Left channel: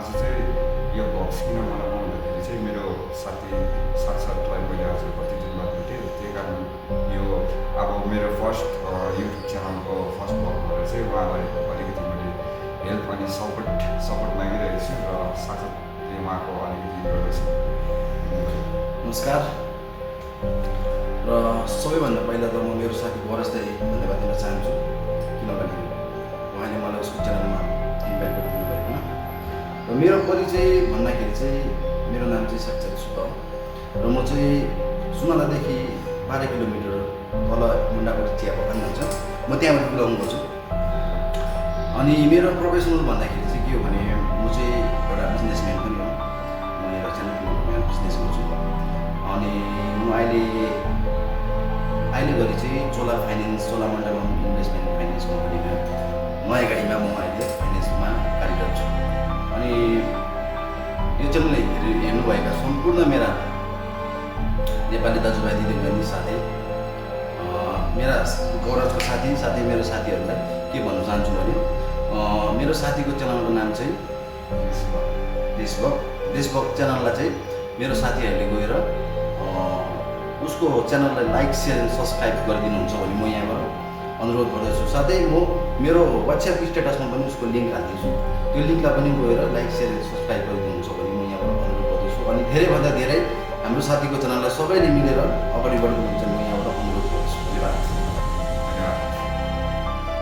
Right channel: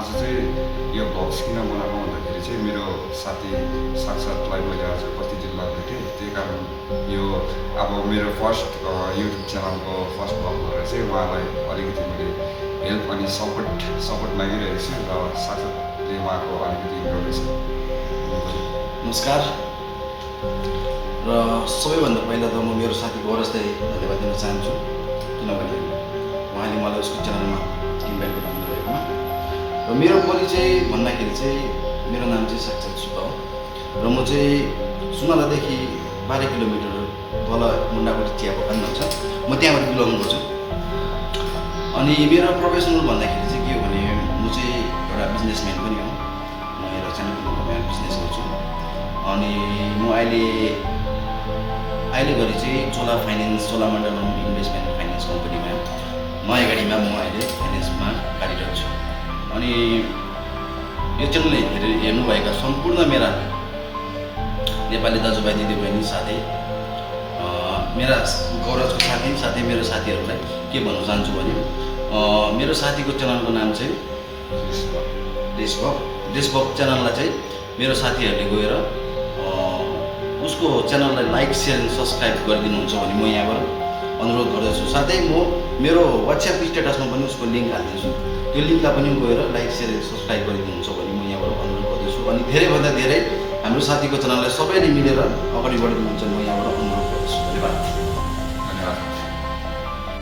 आज चाहिँ यो भ्लग्स किन बनाउनु भन्दाखेरि चाहिँ मेरो साथी साक्षात्लाई मैले आज कति दिन बाद भेटेँ, त्यही कारण यो अब मेरो फर्स्ट युट्युब च्यानलको फर्स्ट भ्लग भएर चाहिँ उहाँलाई अलिकति मैले हेल्प अनि सपोर्ट मागिरहेको छु र साक्षातले उहाँको अलिकति इन्ट्रोडक्सन। नमस्कार। र सबैभन्दा पहिला त म मेरो साथी गौरजलाई धन्यवाद दिन चाहन्छु, किनभने उहाँले मलाई उसको च्यानलमा इन्भाइट गरिदिनु भएकोमा। र मेरो परिचय भन्दाखेरि चाहिँ मेरो नाम चाहिँ साक्षात सुब्बा हो र म चाहिँ सुनालादेखि 12 किलोमिटर तल मुन्डाकोटी चिया बगान भन्छ, म त्यहाँबाट बिलङ गर्छु। अनि मेरो प्रोफेसनल भन्दाखेरि चाहिँ के हो भने म चाहिँ एउटा बिजनेसम्यान पनि हो। म एउटा सानो बिजनेस गर्छु। अनि म अहिले घरि चाहिँ चोलामण्डलम इन्भेस्टमेन्ट फाइनेन्स कम्पनीमा नयाँ गाडीमा म अहिले फाइनेन्समा कार्यरत छु। अनि यो च्यानल हेर्नुभएका सम्पूर्ण मेरा नेपाली दाजुभाइ दिदीबहिनी साथै मेरा गौरजको साथै मेरो साथीहरूलाई के भन्न चाहन्छु भने मेरो साथीको च्यानलको नाम चाहिँ देशभक्त च्यानललाई चाहिँ मेरो साथीहरूले गएर उसको च्यानललाई लाइक सेयर एन्ड सब्सक्राइब गरिदिनुहुन्छ भने म यहाँबाट अनुरोध गर्दछु। साथै म मेरो वाट्सएप स्टेटसमा पनि उसको लिङ्क हालिदिन्छु, त्यो लिङ्कलाई पनि गएर लाइक सेयर एन्ड सब्सक्राइब गरिदिनुहुन्छ भने म यहाँबाट अनुरोध गर्दछु। अनि धेरैभन्दा धेरै हाम्रो साथीको च्यानललाई सबैले मिलेर अगाडि बढिदिनुहुन्छ म यहाँबाट अनुरोध गर्दछु। धन्यवाद।